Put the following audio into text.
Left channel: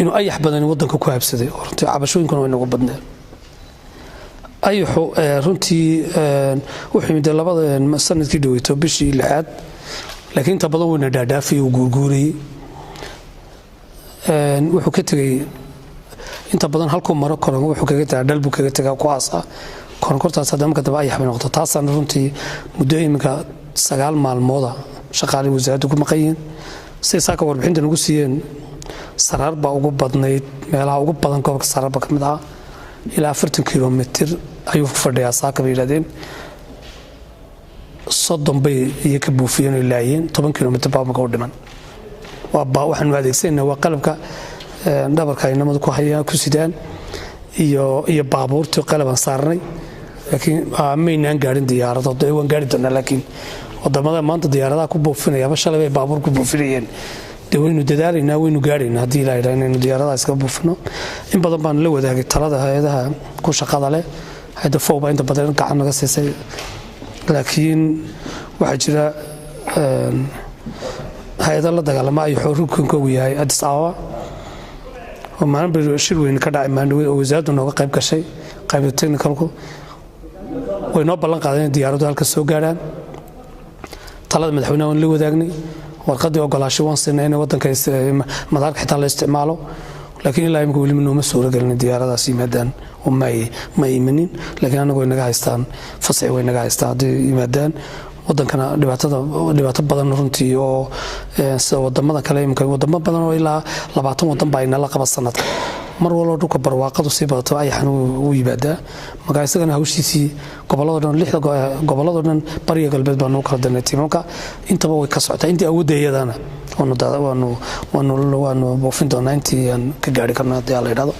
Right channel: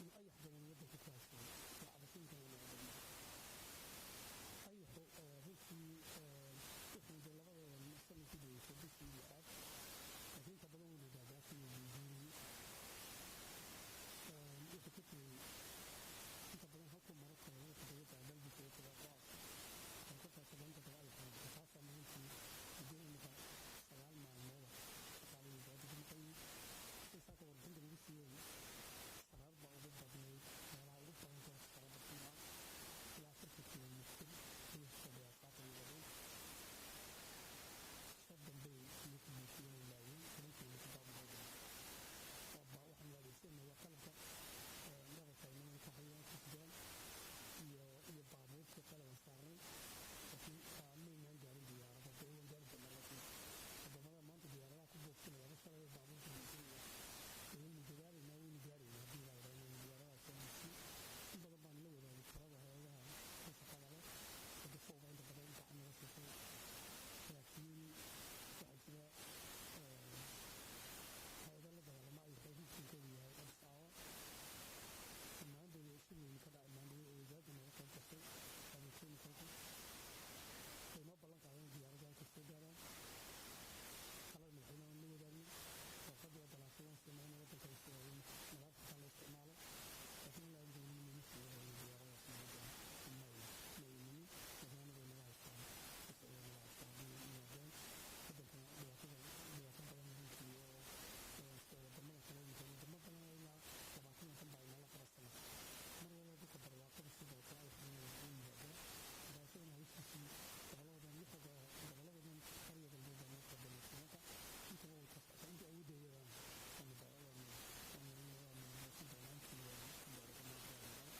inuu ayax badan wadanka ku habsaday oo runtii cabashooyinkuna way nagu badneen ayaxu runtii wuxuu yimid labada sanadkii dhaweyto bishii 6 laakiin inta badan wayna dhaadhaafay oo guurguuriyay wuxuu ka tagay inta badan halkuu maro koran wuxuu kaga tagaa dalbu kaga tagaa kuwaasa koronkortaas hadama kadaba ayax bay noqoto taasana runtii muddo iminka 9 maalmooda shaqaale wasaaraddu ku maqayeen si saaka warbixinta nagu siiyeen saraar baa ugu badnayd meelaha ugu badan gobolka saraarba ka mid ah ilaa 40 kilomitir ayuu fadhiyaa saaka bay yiraahdeen 30 bay iyo ka buufiyeen ilaayeen 10 kilomitir baa markaa u dhiman waxaan adeegsanaa waa qalabka dhabarka ay namadu ku hayaan ku sidaan iyo baabuurta qalabaan saarnay laakiin maynaan gaarin diyaarado waan gaari doonaa laakiin wadamada maanta diyaaradaha ku buufinaya bashalay bay baabuur ku buufinayeen waynu dadaalayna waynu gaarayna hadii la yiraahdo inaynu diyaaradaha iska buufino in badan baan la wadaagay talada hay'adaha ku shaqada leh hay'adda fooba inta badan gacan naga siisay laakiin waxa jira hay'adda la dagaalama ay xurukunka u yahay Addis Ababa oo maalin shir weyn ka dhacay maandhow oo wasaaraddu nooga qayb gashay qaybta technicalku way noo ballan qaadeen diyaaradu halka soo gaaraan talada madaxweynaha la wadaagnay warqadii ogolaasho waan siinay in wadanka madaarka xitaa la isticmaalo laakiin ilaa imika weli ma soo galin diyaaradaas yimaadaan oo ma imanin laakiin anagu way naga haystaan fasax way naga haystaan yimaadaan wadankana dhibaato badan runtii oo sida wadamada kale imika wadamo badan oo ilaa 20 wadan baa inala qaba sanadka mar walba dhulka barwaaqadu si badato ayaxan uu yibaadaa marka isagana hawshiisii gobolada dhan 6 gobolada dhan bariga galbeed baa noo kala danaytay marka intaba way ka socotaa intii awoodayadana waanu buufin doonaa intii aan ka gaari karnaa hadii la yiraahdo